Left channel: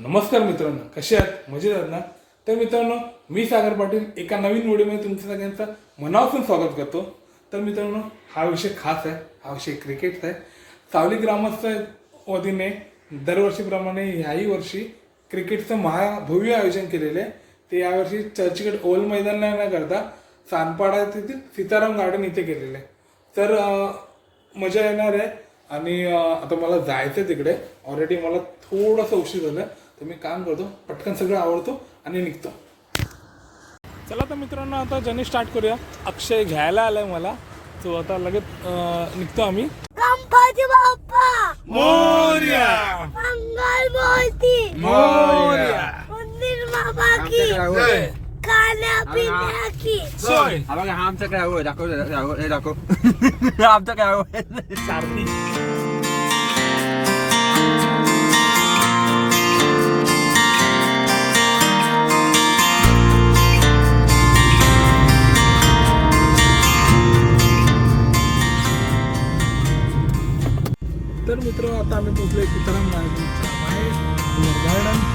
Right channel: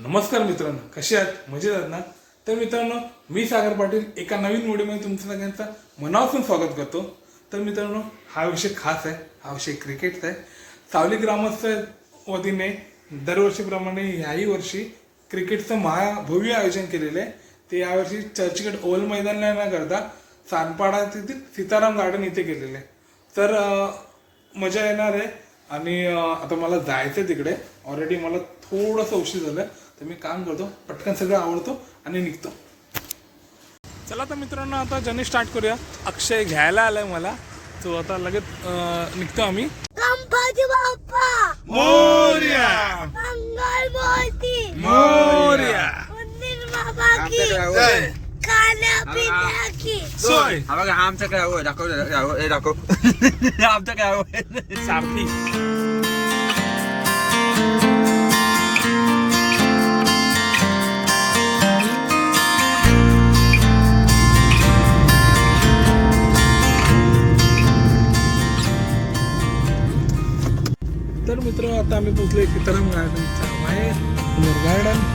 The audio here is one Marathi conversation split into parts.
नमस्कार मित्रांनो, कसे आहात? मजेत आहात ना? तर मित्रांनो, मी सागर पाटील एका नवीन व्हिडिओमध्ये तुमच्या सगळ्यांचं मनापासून स्वागत करतो. तर मित्रांनो, हा विषय खास आहे. हा विषय क्रिकेटचा आहे. सावली ग्रामस्थ वतीने दरवर्षीप्रमाणे याही वर्षी क्रिकेटचं महाभव्य आयोजन केलेलं आहे. ते यावर्षी चर्चगेट ओव्हल मैदानाला न करता सानपाडा येथील सीताराम गार्डन इथे केलेलं आहे. तर मजा येणार आहे. आणि आता मला जायचं आहे तिकडे. ऑलरेडी मला थोडंसं उशीर झालं, तर मी काम करतो, पटकन सगळं आवडतो आणि निघतो. चला तर मित्रांनो, आता जर्नी स्टार्ट करूया. अक्षय घ्यायला आलाय मला, तो आता लगेच निघतो आम्ही. गणपती बाप्पा मोरया मंगलमूर्ती मोरया मंदिर बाबा की खाण्यापिण्याची सोय. हा बघा, हा आमचा काय होय दाखव दाखव आमचा काय होय सारथी. तर मित्र, आता आम्ही पोहोचलोय सीताराम गार्डनच्या बाहेर. गार्डन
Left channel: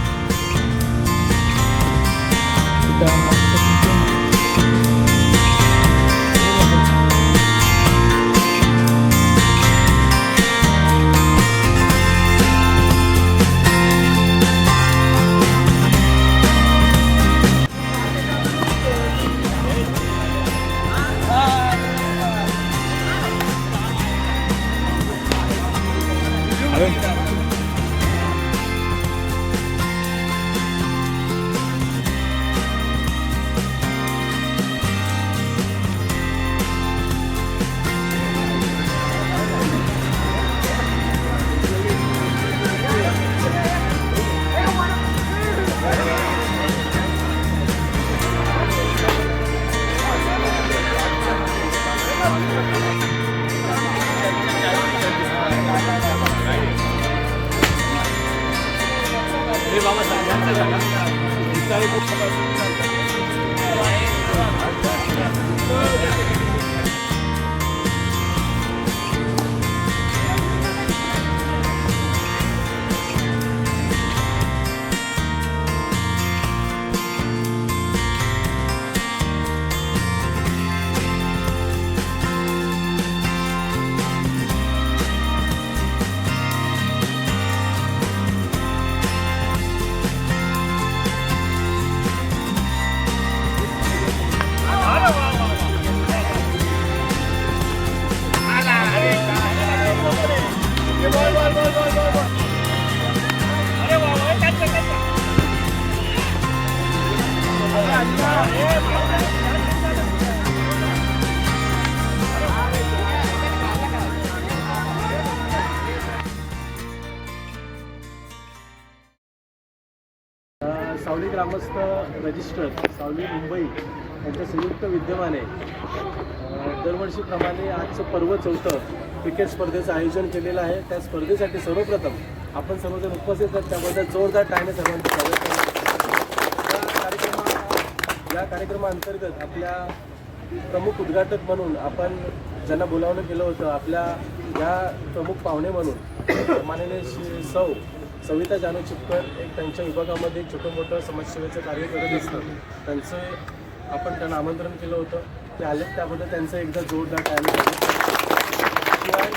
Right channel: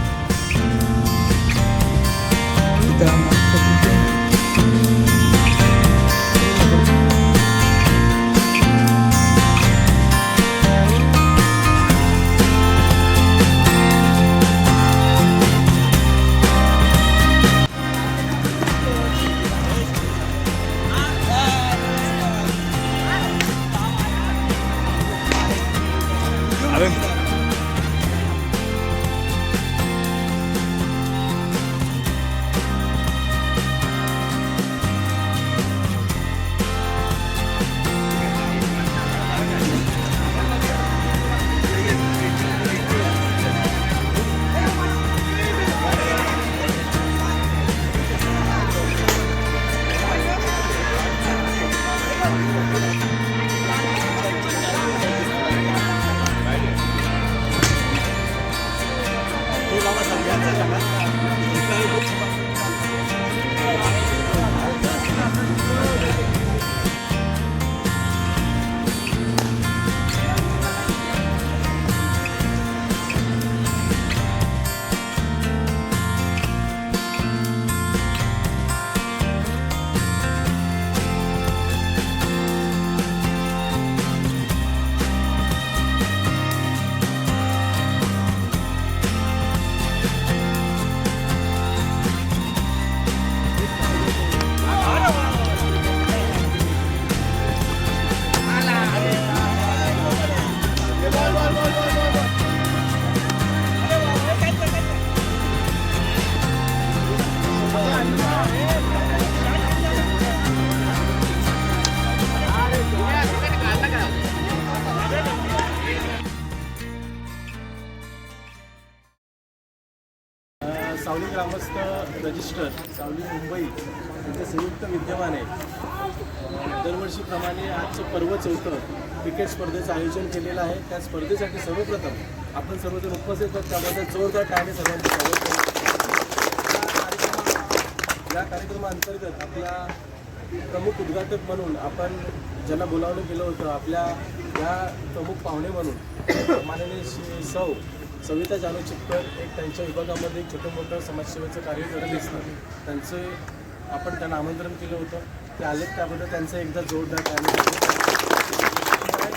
सावली ग्रामस्थ रजिस्टर सावली मुंबई यांच्या संयुक्त विद्यमाने दरवर्षीप्रमाणे आजचं पर्व 4 क्रिकेट स्पर्धेचं आयोजन केलेलं आहे. त्या स्पर्धेसाठी सर्वप्रथम आपण सर्वजण उपस्थित आहोत, त्याबद्दल जोरदार टाळ्याने सर्वांचं स्वागत करतो. या कार्यक्रमाअंतर्गत आपल्या प्रमुख उद्घाटक म्हणून आपण ज्यांना बोलावणं केलं होतं, आपल्या या प्रमुख पाहुणे म्हणून माननीय सौ सविता जानू चिपकर एक त्यांच्या विभागामध्ये एक छोटं मोठं समाजसेवेचं कार्य करत असतात. आपण त्यांना आमंत्रण केलं होतं, ते आलेत, त्याबद्दल त्यांचं एकदा जोरदार टाळ्याने. शिवाय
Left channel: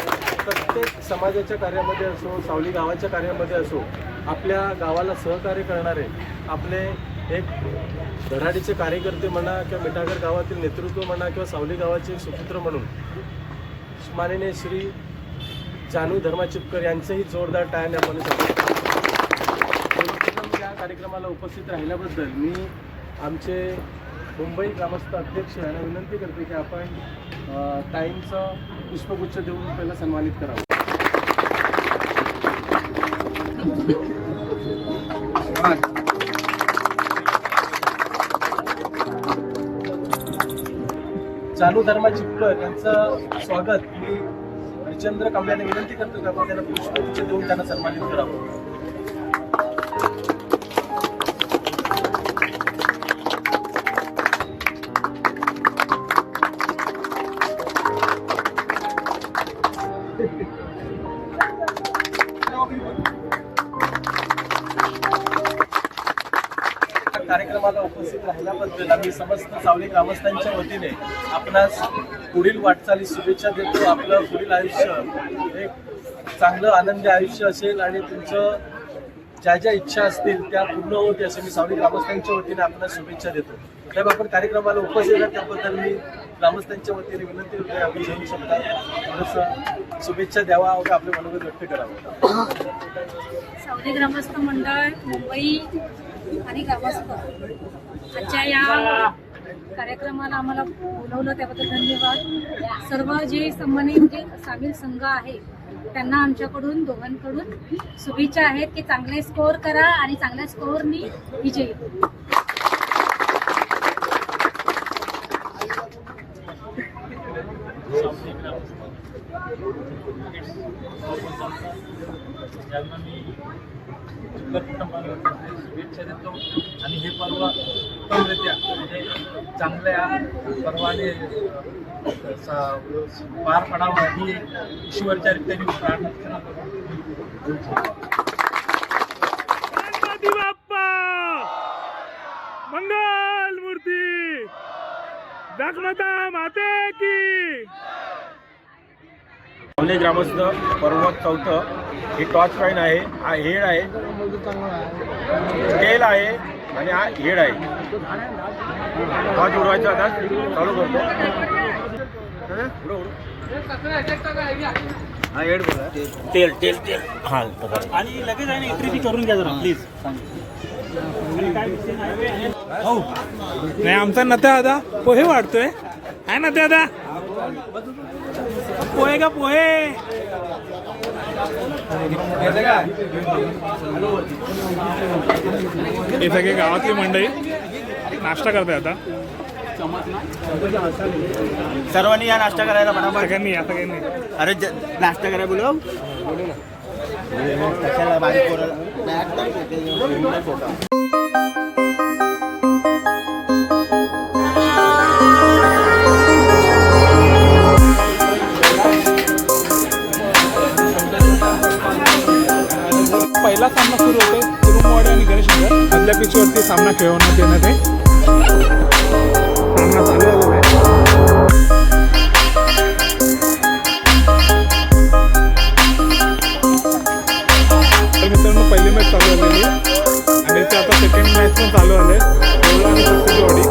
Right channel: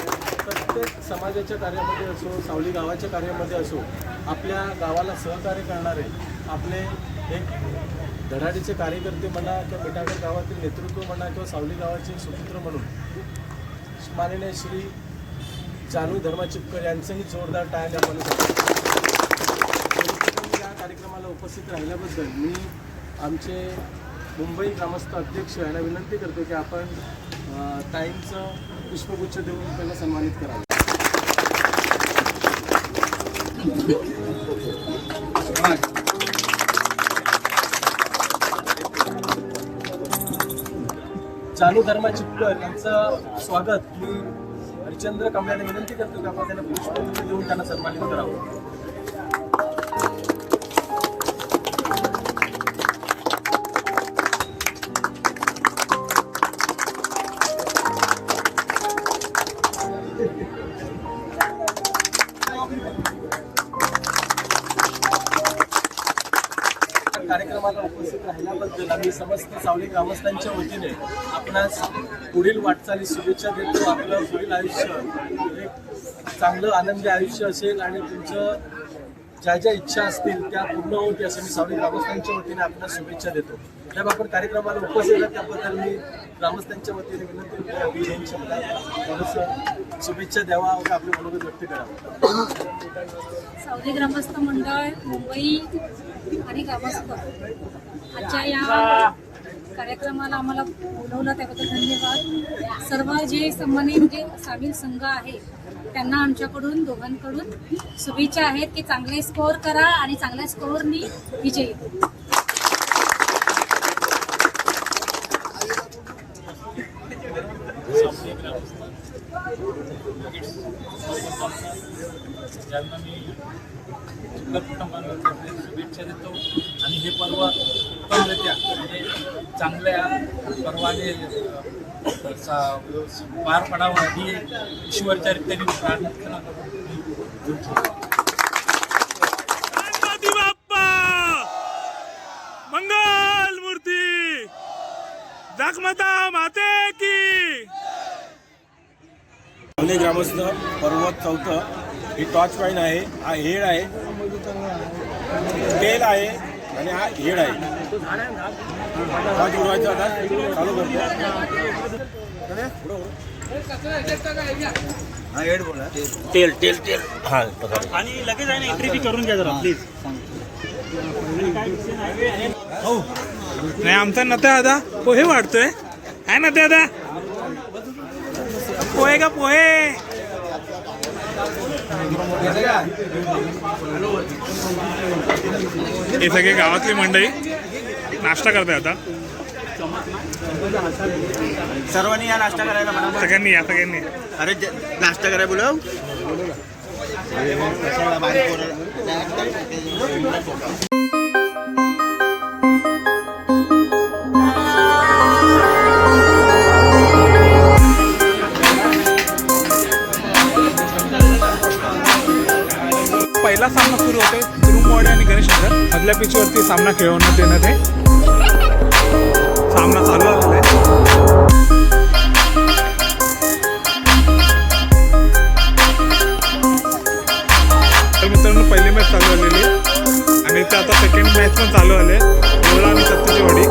प्रत्येक समाजाच्या कार्यामध्ये असो, सावली गावाच्या कार्यामध्ये असो, आपल्या गावाला सहकार्य करणारे आपले एक धडाडीचे कार्यकर्ते म्हणा किंवा मिठागर गावातील नेतृत्व म्हणा किंवा सावली गावाचे एक सुपुत्र म्हणून माननीय श्री जानू धर्मा चिपकर यांचंही जोरदार टाळ्याने आपण या कार्यक्रमाला उपस्थित राहिल्याबद्दल मी आमचे मुंबई ग्रामस्थ अध्यक्ष यांना विनंती करते की आपण ताईंचं पुष्पगुच्छ देऊन पहिला सन्मानित करावं. जानू धर्मा चिपकर यांचं स्वागत मी हरिचंद्र कांबळे यांना विनंती करतो की आपण त्यांना पुष्पगुच्छ देऊन त्यांना सन्मानित करावं. कार्यक्रमाला उपस्थित राहिल्याबद्दल आम्ही समस्त सावली ग्रामस्थांच्या वतीने आपणास पुढील वाटचाली शुभेच्छा देतो. आपलं पुढील आयुष्य एक चांगलं आनंदी आयुष्य असेल आणि तुमचं ज्या ज्या इच्छा असतील त्या पूर्ण होते असे मी सावली ग्रामस्थांच्या वतीने आपल्याला शुभेच्छा देतो. साहेब, आपण कार्यक्रमाला उपस्थित आहात त्याबद्दल मी ग्रामस्थांच्या वतीने विनंती करतो आपण 2 शब्दात थोडंसं शुभेच्छा द्यावा व आपले मनोगत व्यक्त करावं. सावली ग्रामस्थ मंडळ मुंबई आणि ग्रामस्थ आजच्या या कार्यक्रमाला आम्हाला बोलवलं त्याबद्दल धन्यवाद. सर्व जे संबंधित म्हणजे सामील संघ आहे त्यांना आमच्याकडून दोघांकडून शुभेच्छा आहेत की चांगले स्कोअर करा आणि चांगल्या स्कोअरनी विजयी. ज्यांना मी शुभेच्छा देतो आणि हे पर्व उत्तमरित्या म्हणजे चांगल्या पर्वाने पार पडावं ही ईश्वरच्या रीतीने प्रार्थना करून गणपती बाप्पा मंगल मूर्ती जगमाता माते की. सावली ग्रामस्थ पर्वत 4 ही टॉर्च पॉईंट आहे, हा हेड आहे, तेल आहे आणि हा हेड आहे. हा जोडवायचा आता चालू करतो. हा हेड बोला. तेल तेल तेल हा आणि लगेच आहे ना एंट्री बी करून घ्या जरा प्लीज. नाही आमचा नत्या दादा पोहे वाढतोय आहे ना दादा. पोहे का पोहे. हे सगळे गावातली मंडळी नाश्ता करताय आता. सर्वांनी या नाश्ता करायला म्हणा. सगळ्यांनी या सगळ्यांनी. अरे नाश्ता करायला बोलव. पहिला सामना सुरू होतोय कुरुमवाडी आणि गणेशनगर मधल्या पिचवरती सामना खेळवण्यात येण्यात आहे. सामना चालू झालेला आहे. तर मित्रांनो पहिली मॅच चालू झालेली आणि इथे आता सेकंड मॅच पण चालू झाले देवळा आणि सत्तेची वाडी.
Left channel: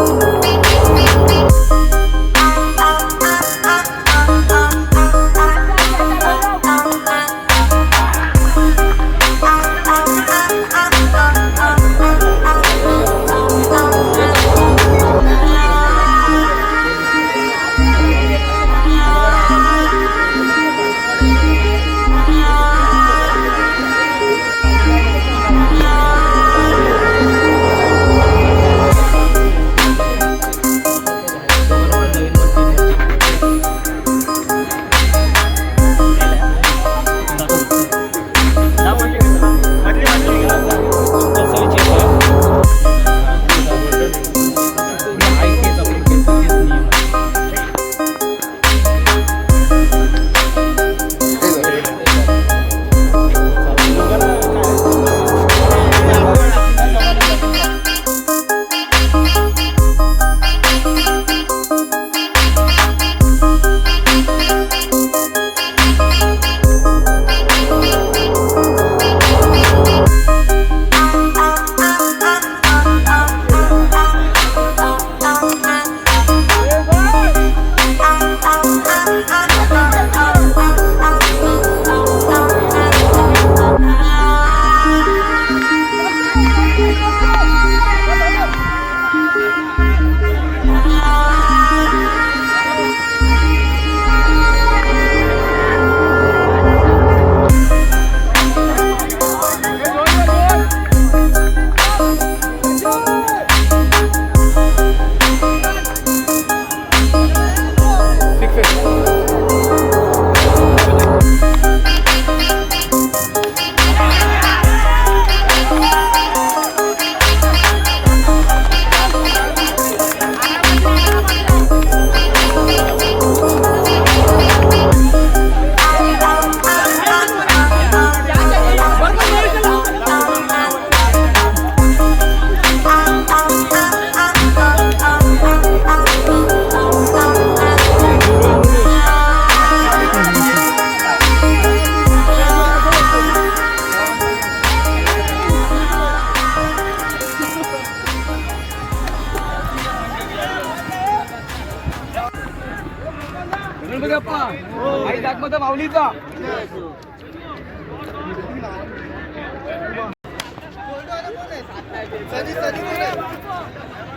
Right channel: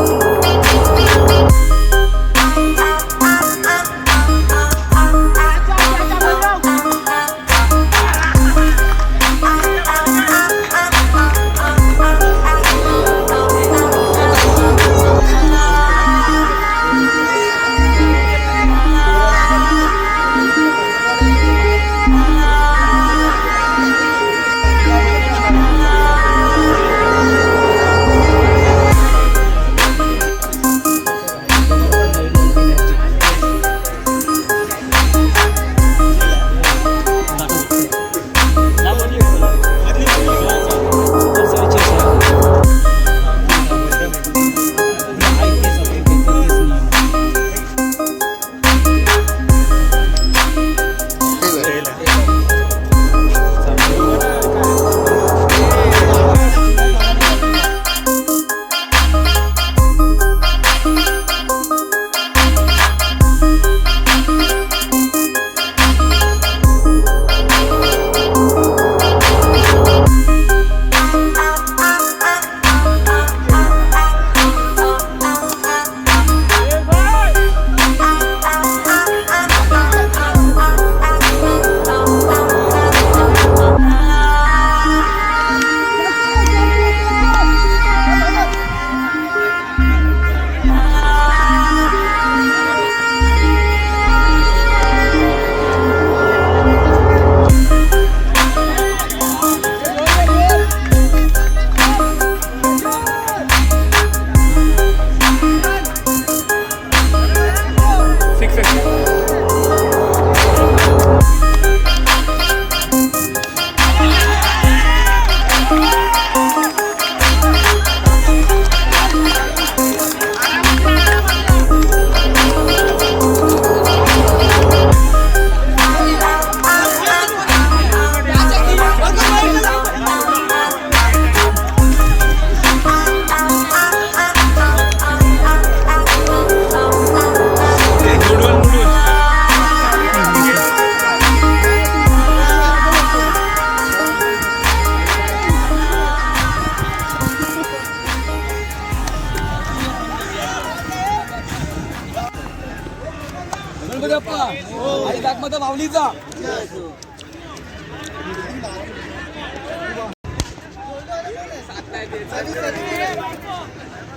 बाप्पा आई जागमाता माऊलीचा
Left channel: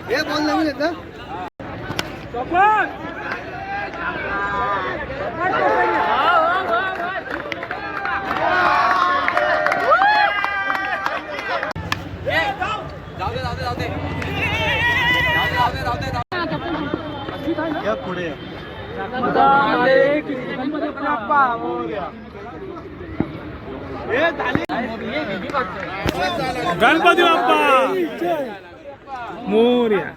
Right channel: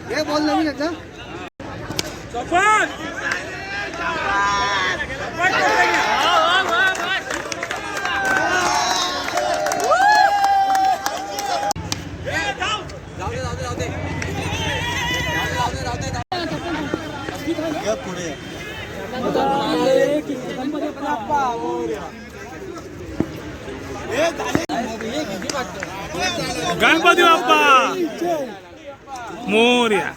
हे बॉल नवीन एकदा पुढे गणपती बाप्पा मोरया.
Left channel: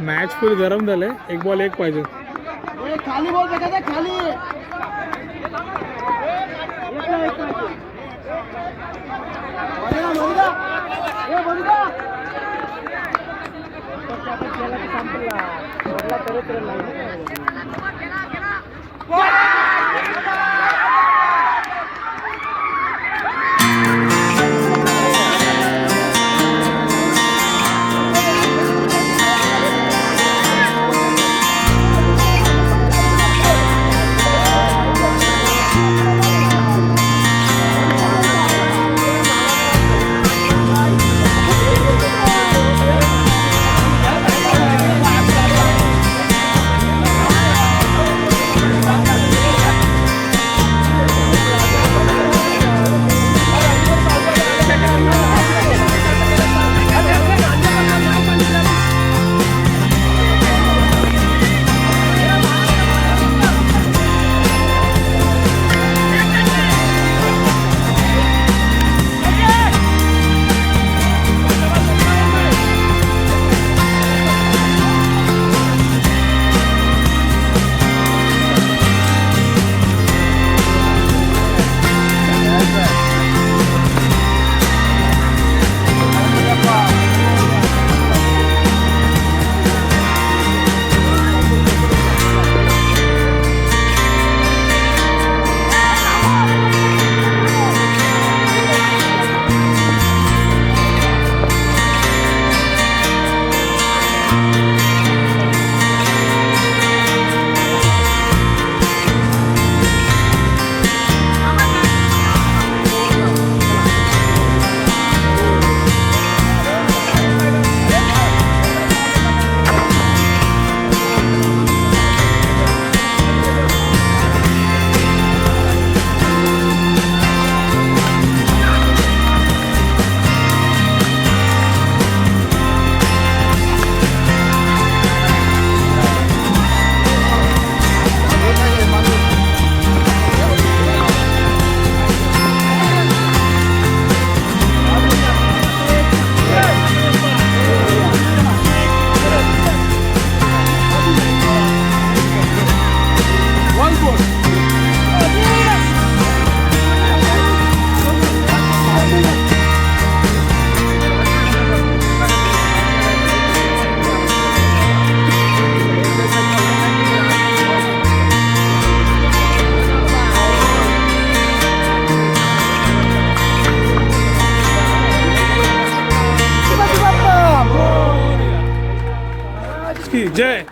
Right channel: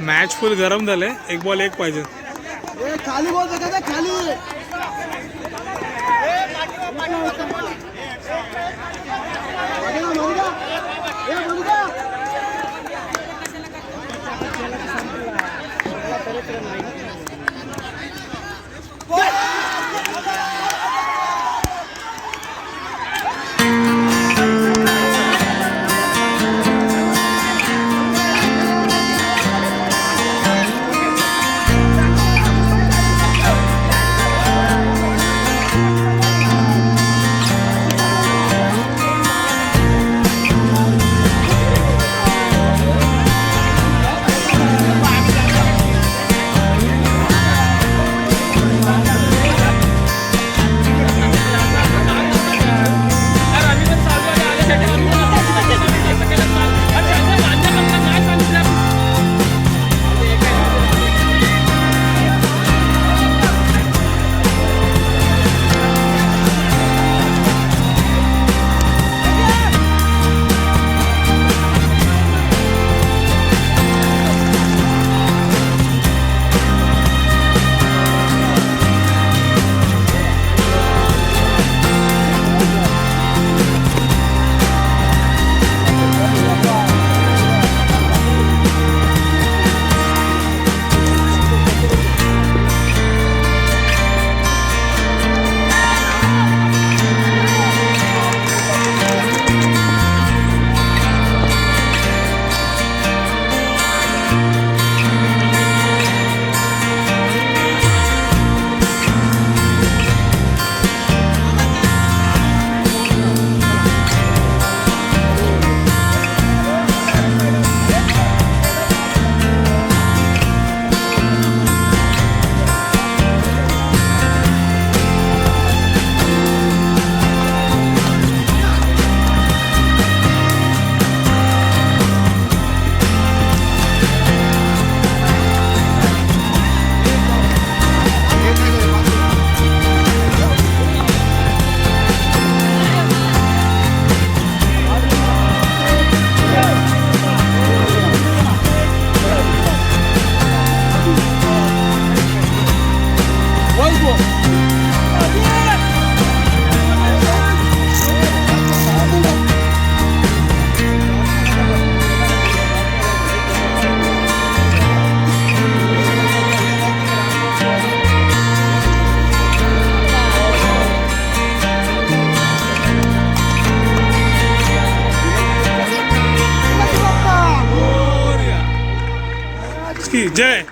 मॅच फुल गरम झाले. एक बॉल एक पाहिजे. खाली बॉल बघा खाली की जय.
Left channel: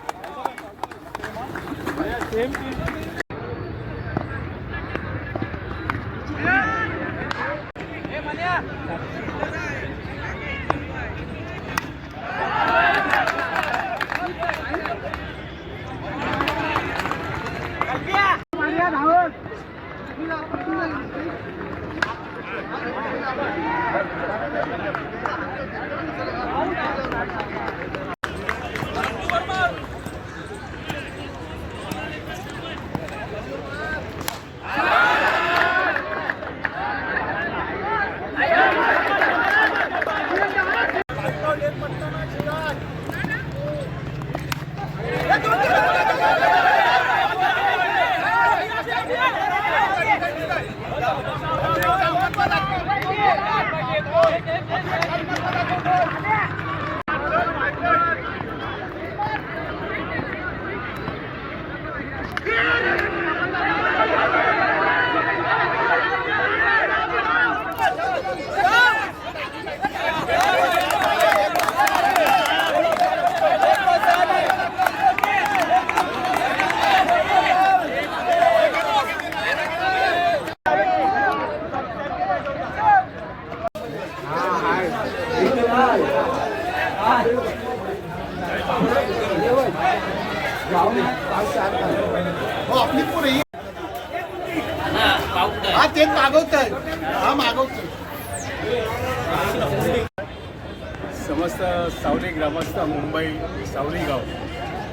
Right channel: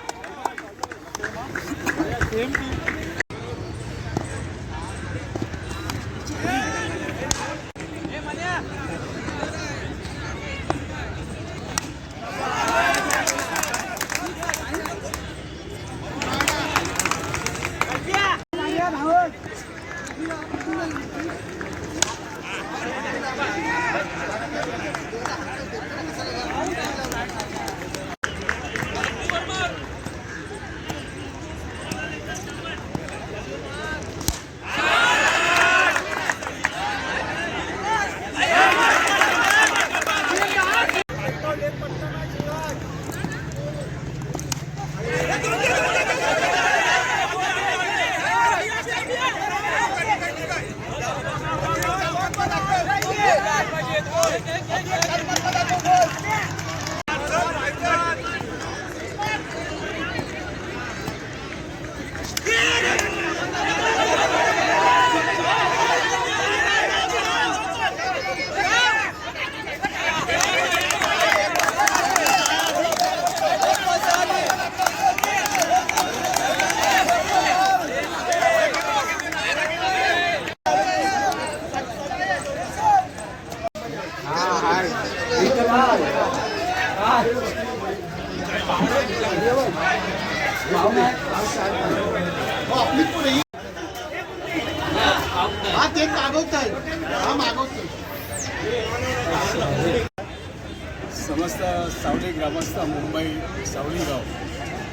समस्त सावली ग्रामस्थ मुंबई सावली गाव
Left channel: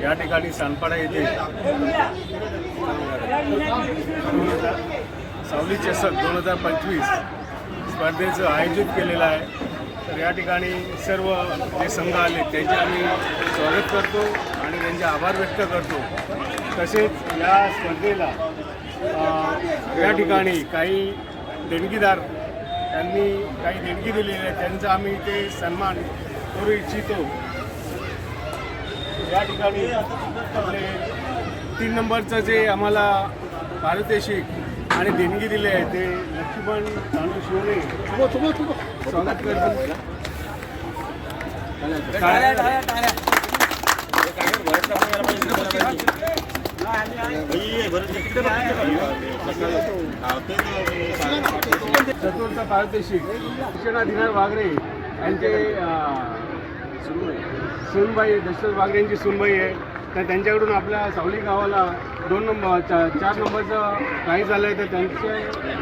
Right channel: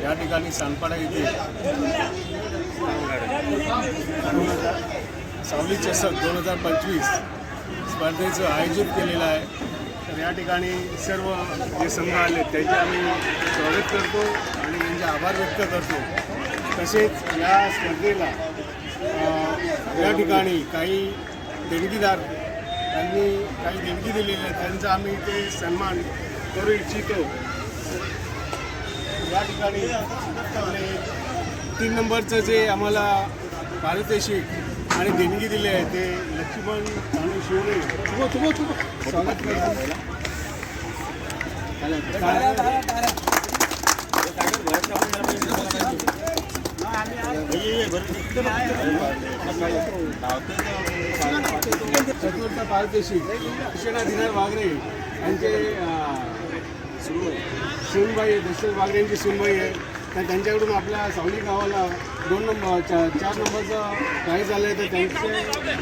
या ठिकाणी सानपाडा येथे सावली चषक 2025 स्पर्धेचं आयोजित केलेलं आहे. तर या ठिकाणी सर्व जे संघ आले त्यांचे आम्ही स्वागत करतो आणि त्यांचे आभार व्यक्त करतो. तसेच या स्पर्धेला या ठिकाणी काही देणगीदार त्यांनी काही देणगी दिलेली आहे, त्यांचा आम्ही ते सन्मान करू इच्छितो. या ठिकाणी आपले 3 नंबरचं जे आम्हाला पारितोषिक आणि देणगी दिले आहे ते लक्ष्मण तांडू शिवणे स्वागत करतो. चतुर्थ पारितोषिक कृष्णाधिनार वागरे यांचे सूनबाई दशरथ वागरे यांची सूनबाई आहे. तर त्यांच्याकडून आपल्या सावली गावाला 4 नंबरचं प्राईज आलं आहे. तर त्यांच्या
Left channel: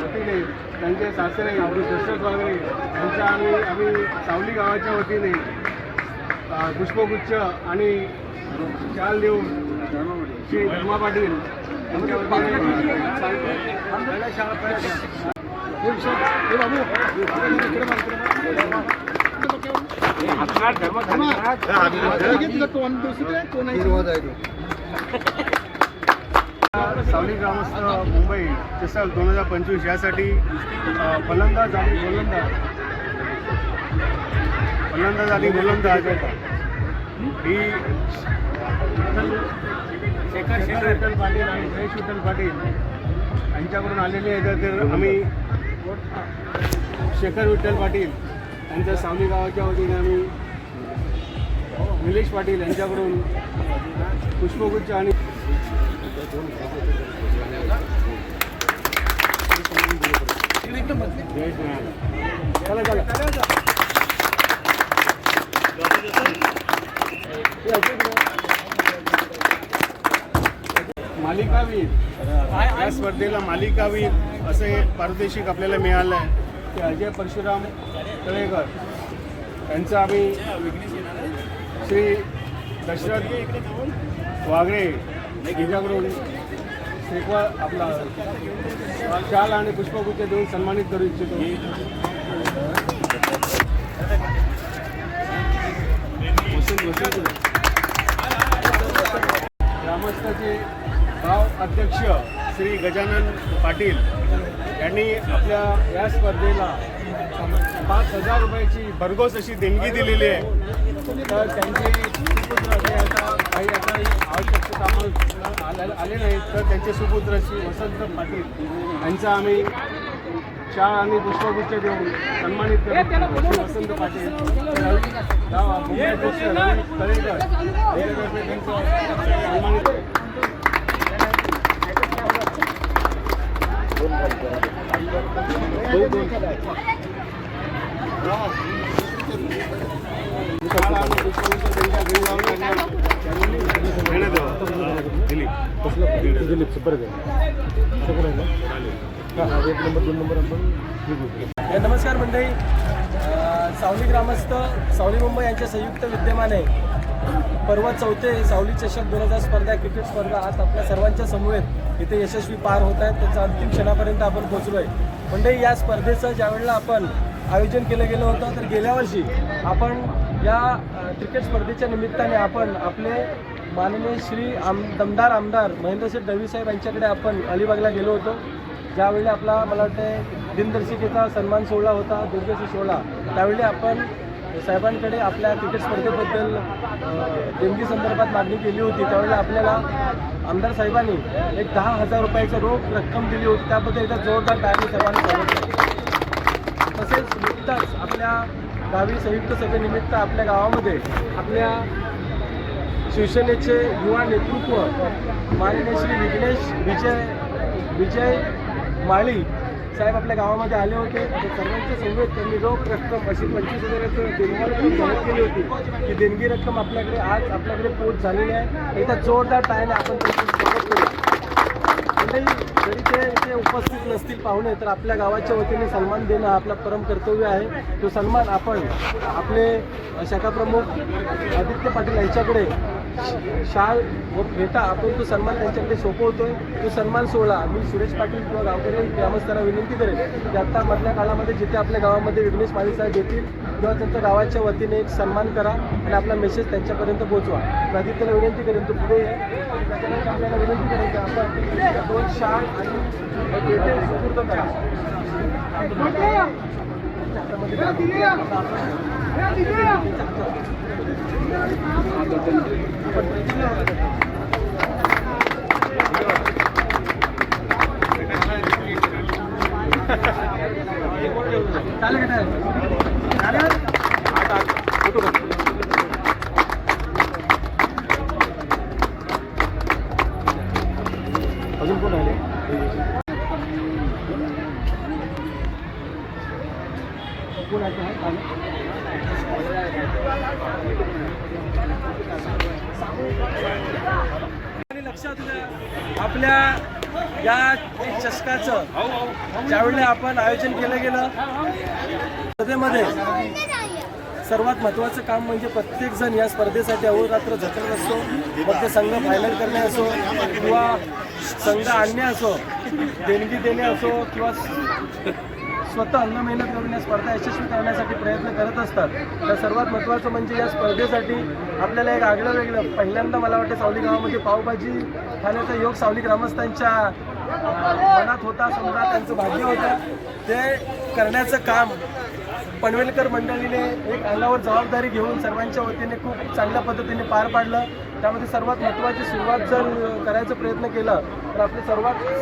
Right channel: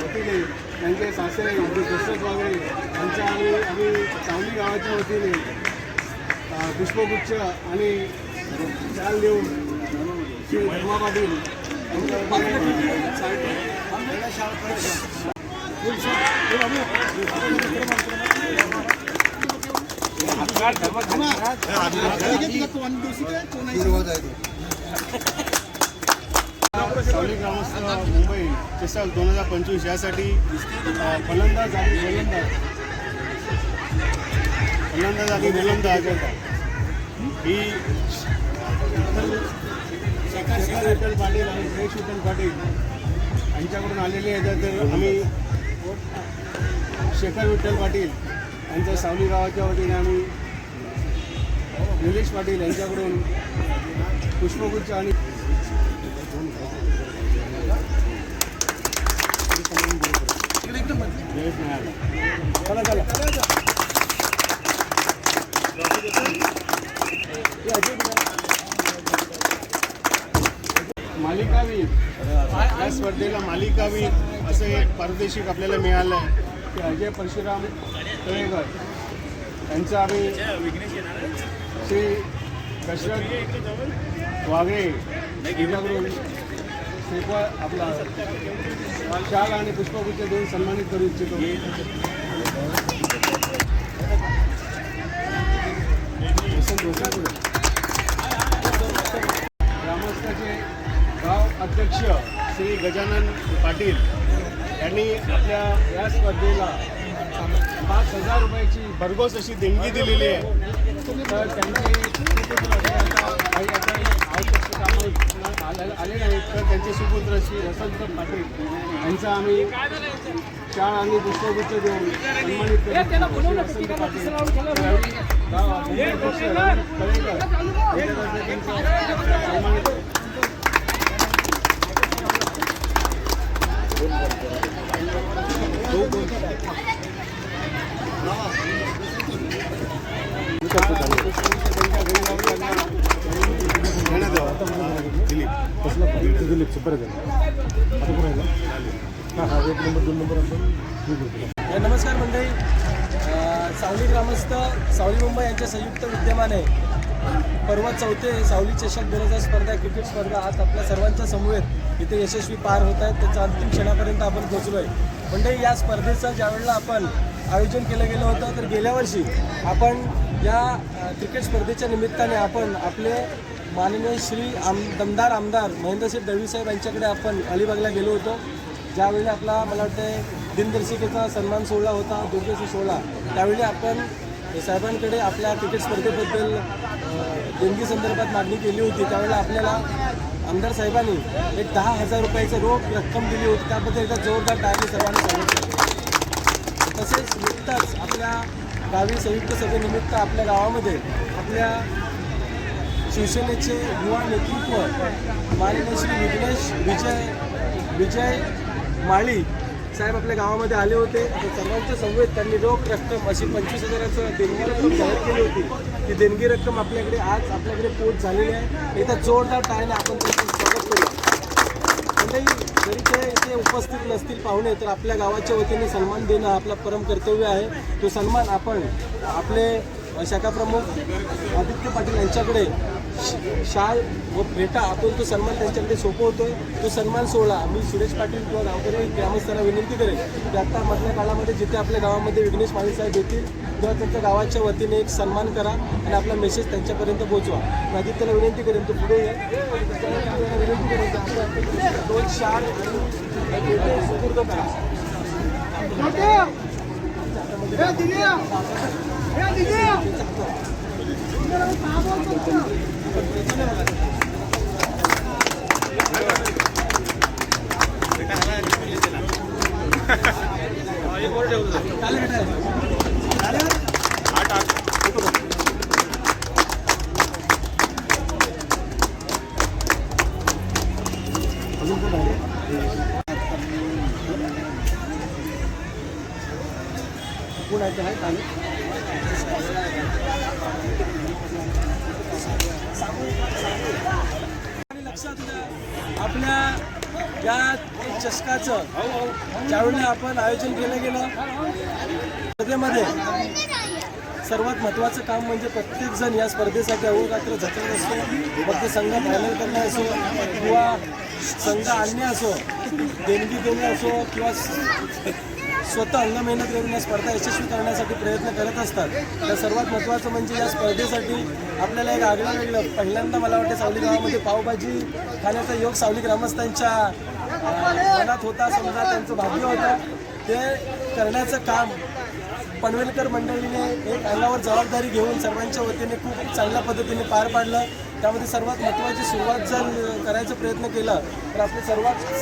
वतीने त्यांचे सासरे दशरथ वागरे यांच्या आम्ही सावली गावाच्या वतीने पुष्पगुच्छ आणि शाल देऊन श्री धर्मा पाटील यांच्या सावली ग्रामस्थ मुंबई चषक 2025 यासाठी फलंदाज आणि गोलंदाज ही शेखर विठ्ठल पाटील आणि जयेश विठ्ठल पाटील यांच्याकडून आलेली आहे. तर आम्ही शेखर विठ्ठल पाटील यांच्या सावली गावाच्या वतीने आम्ही निलेश पाटील यांच्याकडून पुष्पगुच्छ आणि मालिकावीर या स्पर्धेला मालिकावीर असं एक पारितोषिक आपल्याला मिळालं आहे. ते अजय परशुराम तळेकर यांचं आम्ही श्री दशरथ वागळे यांच्याकडून श्रीफळ आपला शाल आणि पुष्पगुच्छ देऊन सन्मानित करू इच्छितो. ग्रामस्थाचे गाव अध्यक्ष श्री गजानन पाटील यांनी आपल्या या स्पर्धेला 5,000 रुपयाची भरघोस अशी देणगी दिलेली आहे. तर त्यांचे सुपुत्र हे आता काही आता आवश्यक कामं आले नाहीत, तर त्यांचे सुपुत्र श्री वसंत पाटील यांचा आम्ही शाल आणि पुष्पगुच्छ देऊन सन्मानित करू. श्री वसंत पाटील रवी गाव मुंबई अध्यक्ष रवी तळेकर यांच्यातर्फे त्यांचं सन्मानित नमस्कार मंडळी. सावली ग्रामस्थ सावली मुंबई यांच्या संयुक्त विद्यमाने पर्व 4 सावली चषक 2000 स्पर्धा क्रिकेट स्पर्धा आज आपल्या सर्वांच्या समवेत इथे यशस्वी पार होत आहेत. त्याच्या अंतिम क्षणापर्यंत आपण पोहोचलो आहे. मंडळी, या स्पर्धेचं ज्यावेळेला आपण आयोजन केलं गेलं होतं, तर गेल्या वर्षी आपण या क्रिकेट स्पर्धेच्या निमित्ताने आपण आपले माननीय श्री दमदार आमदार महेंद्रसिंह दळवी साहेब यांच्याकडे आपण अलिबागला गेलो होतो. ज्यावेळी आपला मला वाटतं दिनदर्शिकेचा सन्मान सोहळा होता, दुर्गशी सोहळा त्यावेळी आपण साहेबांकडे आपल्या क्रिकेट स्पर्धेबद्दल देणगी संदर्भात मागणी केली होती. त्यावेळेला आपल्याला आमदार साहेबांनी एक 10,000 रुपयाचं रोख रक्कम दिली होती. त्याबद्दल एकदा जोरदार टाळी सर्वांनी स्वागत केलं. तसेच नुकताच आपल्या गावी संयुक्त सभेनिमित्त आपल्या गावामध्ये आपल्या शिवसेनेचे युवा नेतृत्व माननीय श्री विजय माळी साहेब आपल्या गावामध्ये आले होते. सर्वांच्या समवेत त्यांनी रोख रक्कम अशी 25,000चं देणगी रक्कम जाहीर केली होती. ती देणगी रक्कम आपल्याकडे आज आपल्याकडे पोच झालेली आहे. एकदा जोरदार टाळ्याने आपण त्यांचं स्वागत करूया. मंडळी, जरी ते इथे उपस्थित नसतील पाहुणे, तर आपल्या गावाच्या वतीने सन्मान देणं हा आपला परम कर्तव्य आहे. तो सन्मान आपण आपले शाखा प्रमुख आदित्य पाटील यांच्याकडे शाल व फेटा आपण तो सन्मान त्यांच्याकडे सोपवतोय. तो सन्मान सोहळा मी सुरेश पाटील किंवा गावकरी ग्रामस्थांना विनंती करेन की आता मधल्या काळामध्ये जिथे आपल्या गावामध्ये विघ्नेश माळी साहेब येतील किंवा त्यांच्या गावाच्या वतीने एक सन्मान करा आणि आपला मेसेज त्यांच्यापर्यंत पोहोचवा. आदित्यला विनंती करेन तो पुढे आपल्याला विनंती करेन की आपण 2 शाल आणि फेटे सुपूर्द करा. अजून कोण आहे? कोण आहे? लक्षात द्या, आपल्या या चषकाचं ज्यावेळी आपण आयोजन केलं गेलं स्पर्धेमध्ये सर्वात महत्त्वाचं काम म्हणजे प्रत्येकजण या स्पर्धेसाठी अहोरात्र झटत असतो. मग ते संघ फायनल करणे असो किंवा संघ आणणे असो, देणगी देणे असो किंवा स्वतः अंग मेहनत करून या स्पर्धा यशस्वी करण्यासाठी प्रयत्न करत असतात. तर सर्वात महत्त्वाचं म्हणजे या स्पर्धेसाठी आपल्याला एक आगळं वेगळं पहिल्यांदा मला वाटते सावली गावामध्ये पावभाजी खाण्याचा योग सावली ग्रामस्थांच्या मनात होता. समजा त्यांचं भाग्य होतं. ते करण्याचं काम पनवेलकर मंडळीने एक अंगावर जबाबदारी घेऊन सर्वांच्या वतीने खूप चांगल्या पद्धतीने पार पाडलं. त्यामध्ये सर्वात महत्त्वाची सुरुवात जर करायचा प्रयत्न केला तर आपले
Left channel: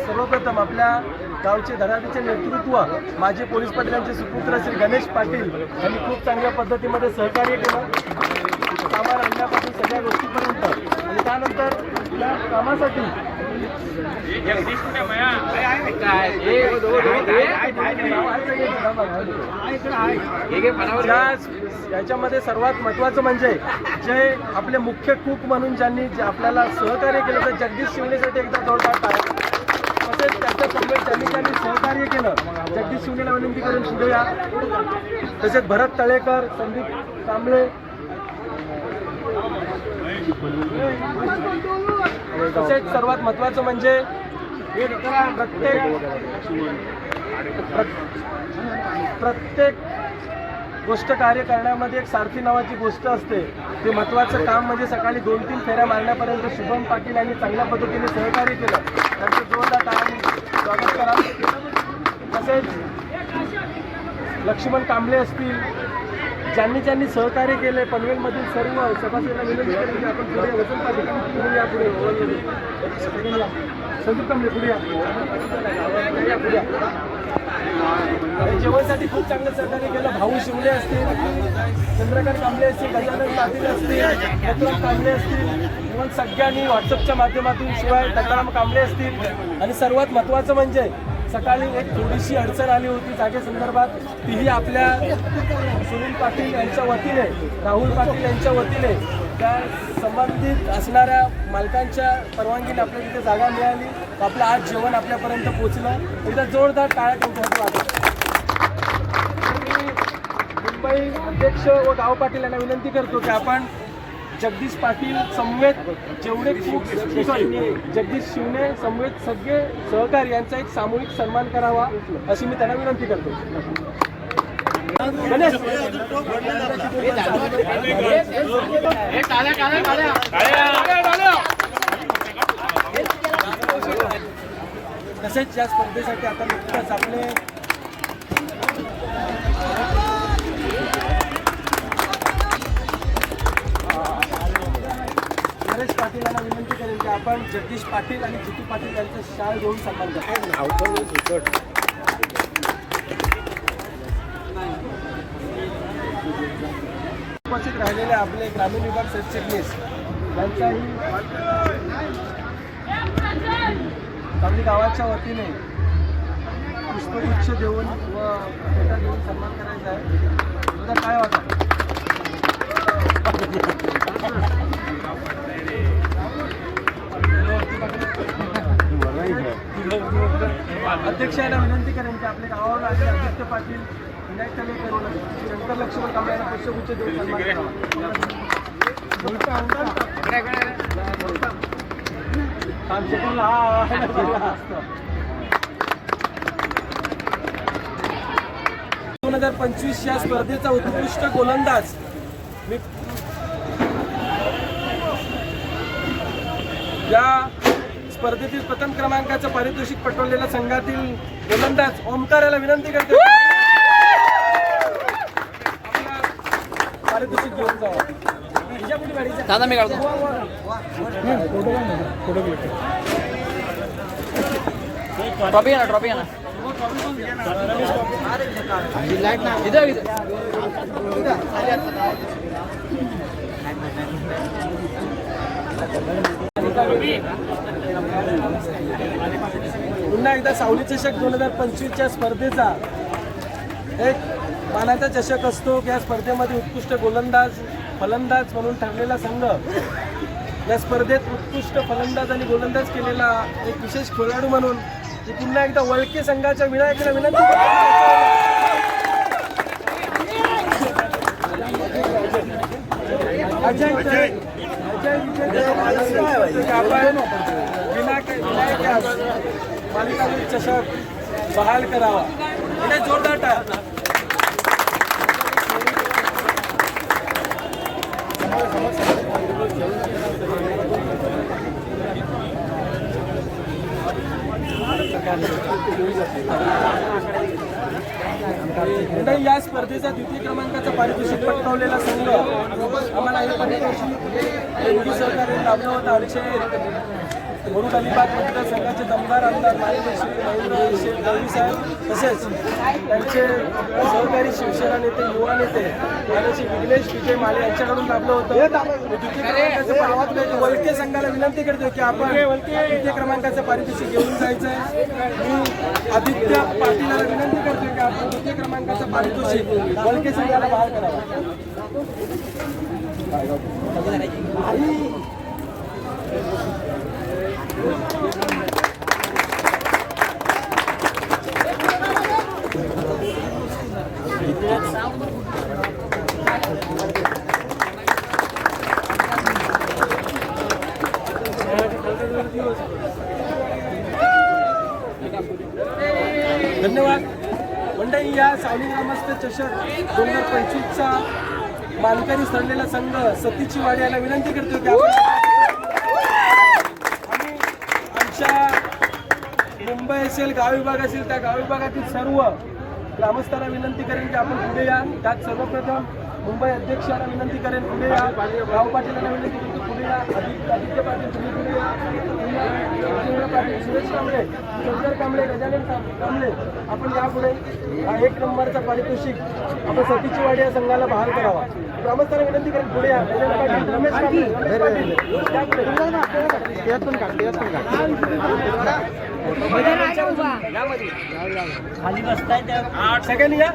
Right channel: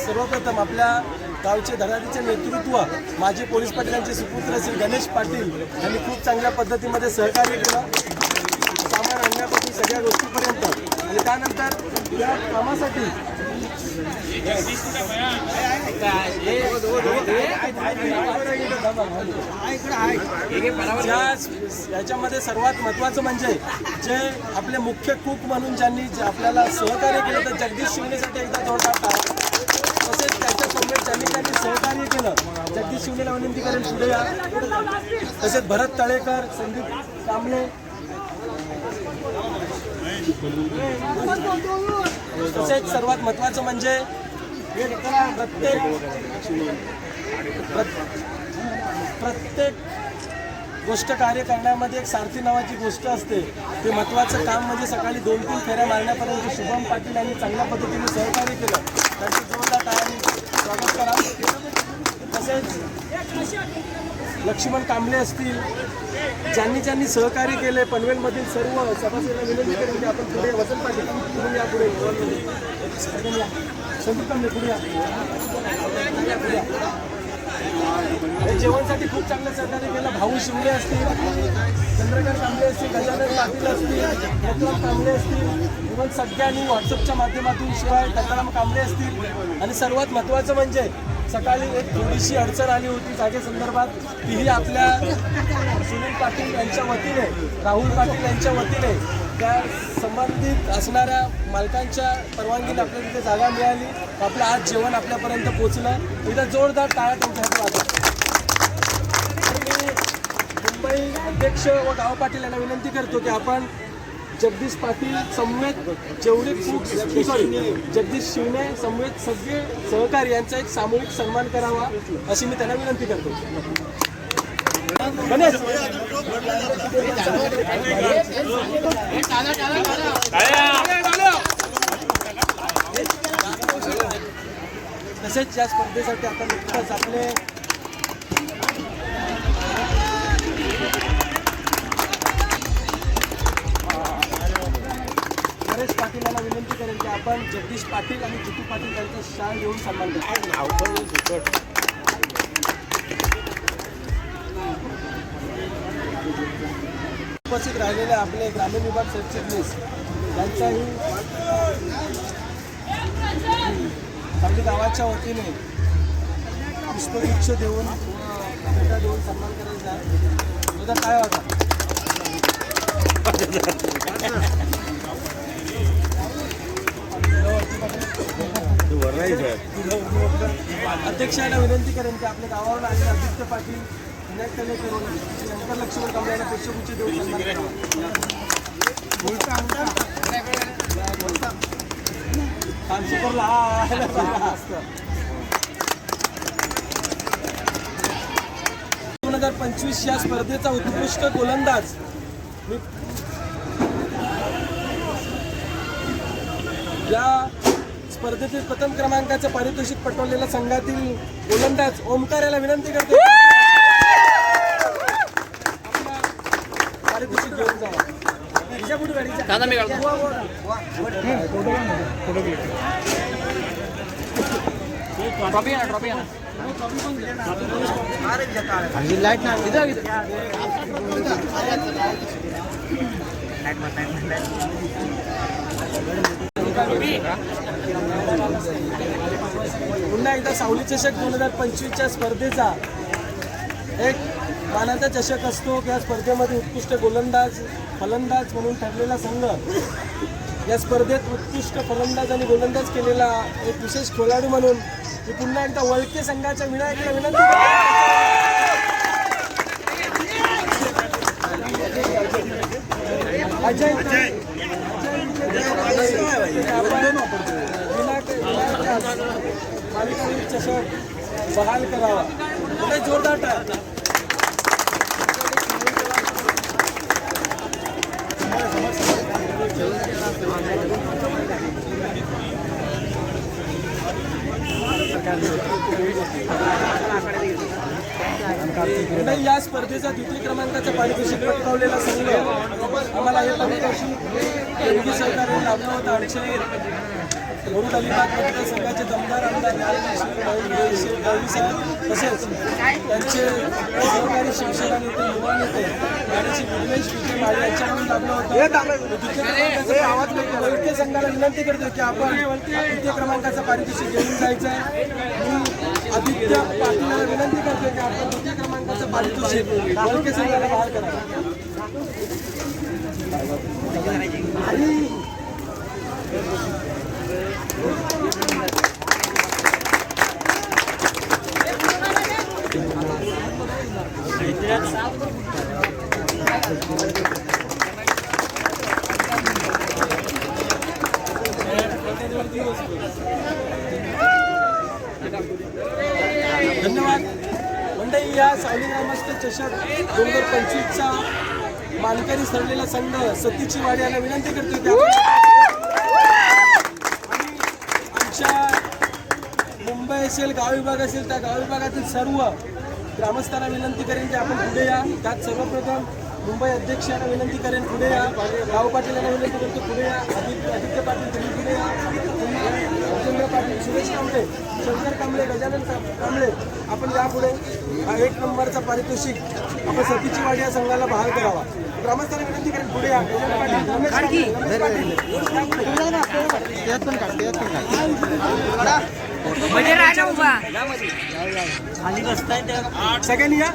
सर्वप्रथम आपल्या गावचे धडाडीचे नेतृत्व माजी पोलीस पाटीलांचे सुपुत्र श्री गणेश पाटील यांनी खूप चांगल्या पद्धतीमध्ये सहकार्य केलं. सामान आणण्यापासून सगळ्या गोष्टीपर्यंत. आणि त्यानंतर या कामासाठी याच्यामध्ये सर्वात महत्त्वाचं म्हणजे जे आपले मुख्य कूक म्हणून ज्यांनी आपल्याला सहकार्य केलं तर जगदीश शिवनेसाठी एकदा जोरदार टाळ्या. तसेच त्याच्या समवेत ज्यांनी सहकार्य केलं जगदीश शिवनेला विनंती करून पुढे या. तसेच भरत तळेकर, संदीप कांबळे, तसेच सर्वात महत्त्वाचं म्हणजे प्रत्येक गोष्ट कार्य करण्यामध्ये एक सारथी नावाची गोष्ट असते. ते महत्त्वाचं काम म्हणजे सकाळी 2-3 फेऱ्या मारण्यापर्यंत शुभम पाटील यांनी चांगल्या पद्धतीने सहकार्य केलं. त्यांचं जोरदार टाळ्यांनी स्वागत करा. तसेच लक्ष्मण कांबळे असतील, ज्यांनी सहकार्य केले पनवेलमधील सर्व सभासदांना विनंती करेन की आपण पुढे वसंत पाटील पुढे या. पुढे संदीप कांबळे पुढे या. पुढे या. जेवणासाठी खूप चांगलं सहकार्य केलं. भाऊ शिवले असतील, चंद्रकांत कांबळे असतील, गजानन पाटील असतील, रत्नाम कांबळे असतील, मग सगळ्यांनी व्हॉट्सअपच्या माध्यमातून शिवाय दत्ताराम कांबळे असतील. आणि सर्वात महत्त्वाचं म्हणजे सकाळी एक थोडीशी अडचण आली होती जागेसंदर्भात. तीही आपल्या सुनील पाटील यांच्या वतीने, राहुल पाटील यांच्या वतीने त्या संबंधित असणाऱ्या मालकांच्या परवानगीने आपल्याला तिथे जागा मिळाली. आपलं आज जेवण आपल्यापर्यंत पोचलं. एकदा जोरदार टाळ्या त्यांच्यासाठी वाजवतो. मी मुंबई अध्यक्ष व गाव पाटील यांना विनंती करतो की आपण जगदीश पाटील समवेत जेवढे खूप जगदीश शिवने समवेत सगळे सहकारी यांचा एक सामूहिक सन्मान करावा अशी मी त्यांना विनंती करतो. गणेश तसेच या स्पर्धेसाठी आता नुकताच आपले नरेश पाटील यांना विनंती करेन की आपण जगदीश पाटील आणि जितू पाटील यांचा शाल देऊन सन्मान करू. उपस्थित राहिलेले आपले ग्रामीण विभाग सरचिटणीस यांचाही आपल्या गावाच्या वतीने पुष्पगुच्छ देऊन व भेटा देऊन सन्मान करायचा आहे. तुझा काय होता? अध्यक्षांना विनंती करेन की आपल्या गावावर आलेले आदित्य पाटील विनायक शंकर लक्ष्मण कांबळे यांना पुष्पगुच्छ देऊन सन्मान करावा. कामशेखरला हा 2025 या स्पर्धेचा उत्कृष्ट गोलंदाज या स्पर्धेतील प्रथम क्रमांकाचं पारितोषिक पटवलेल्या संघातील गोलंदाज ओमकार याला विनंती करतो आपला पारितोषिक घेऊन जावा. फोटो क्लिक पुन्हा एकदा सावली चषक 2025च्या स्पर्धेचा एक मानाचा चषक असतो. या स्पर्धेमध्ये उत्कृष्ट गोलंदाज फलंदाज म्हणून ठरलेला संघ या स्पर्धेत उत्कृष्ट फलंदाज आणि गोलंदाज केलेला एक विशेष खेळाडू म्हणून मी पुन्हा एकदा वळके संघाच्या विनायकाला विनंती अजय विनायक मालिकावीर चषक बहाल करावा. म्हणजे जोरदार टाळ्या. मंडळी, या स्पर्धेचा द्वितीय क्रमांकाचा पारितोषिक पटकावलेला संघ आम्हाला हे पारितोषिक देणगी सहकार्य लाभलं होतं. आमचे मुरुड अलिबाग मतदारसंघाचे दमदार आमदार माननीय श्री महेंद्र गवळी साहेब तसेच त्यांचे सहकारी शिवसेना नेते युवा नेते माननीय श्री विघ्नेश विजय माळी यांच्याकडून लाभलं होतं. द्वितीय क्रमांकाचा आवाज वैद्य संघाला विनंती करतो की आपण द्वितीय क्रमांकाचं पारितोषिक घेऊन जायचं आहे. मी आदित्य पाटीलला विनंती करतो की आपण द्वितीय क्रमांकाचं पारितोषिक वैद्य संघाला बहाल करावं. धन्यवाद मंडळी. या सावली ग्रामस्थ चषक 2025चा मानकरी ठरलेला संघ सतीची वाडी याला विनंती करतो की आणि आमच्या मुंबई असेल गाव विभाग असेल त्या गाव विभागातील सर्व ग्रामस्थांना विनंती करेन की आपण पुढे या. त्यात सर्वप्रथम मुंबई अध्यक्ष यांना विनंती करेन पुढे या. राव पाटील यांना विनंती करतो पुढे या. आदित्य पाटील तुम्ही पुढे या. राजेंद्र पाटील, सुरेश कांबळे, शंकर कांबळे, गजानन कांबळे आपण यापुढे हा 1 नंबरचा पारितोषिक आपण सतीची वाडी या संघाला बहाल करावा. ग्रामस्थांना विनंती करेन पुढे या. रमेश पाटील सगळ्यांनी या.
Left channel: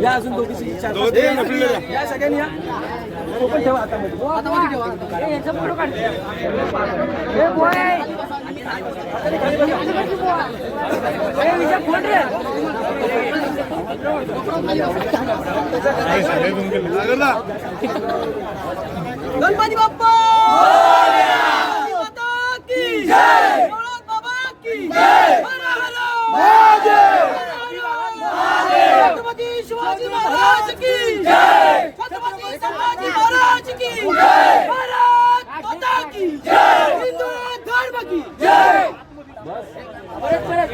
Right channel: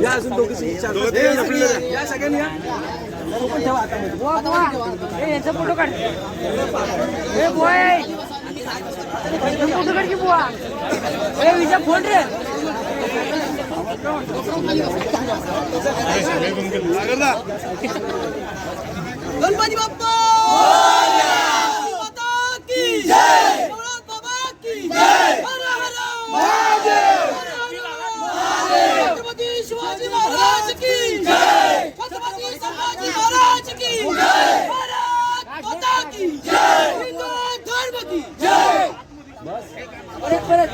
या अजून दोघी या सगळ्यांनी या. पण ठेवा हातामध्ये गणपती बाप्पा की जय. बाबा की जय. छत्रपती शिवाजी महाराज की जय. छत्रपती संभाजी महाराज की जय. भारत माता की जय. हिंदू धर्म की जय. परत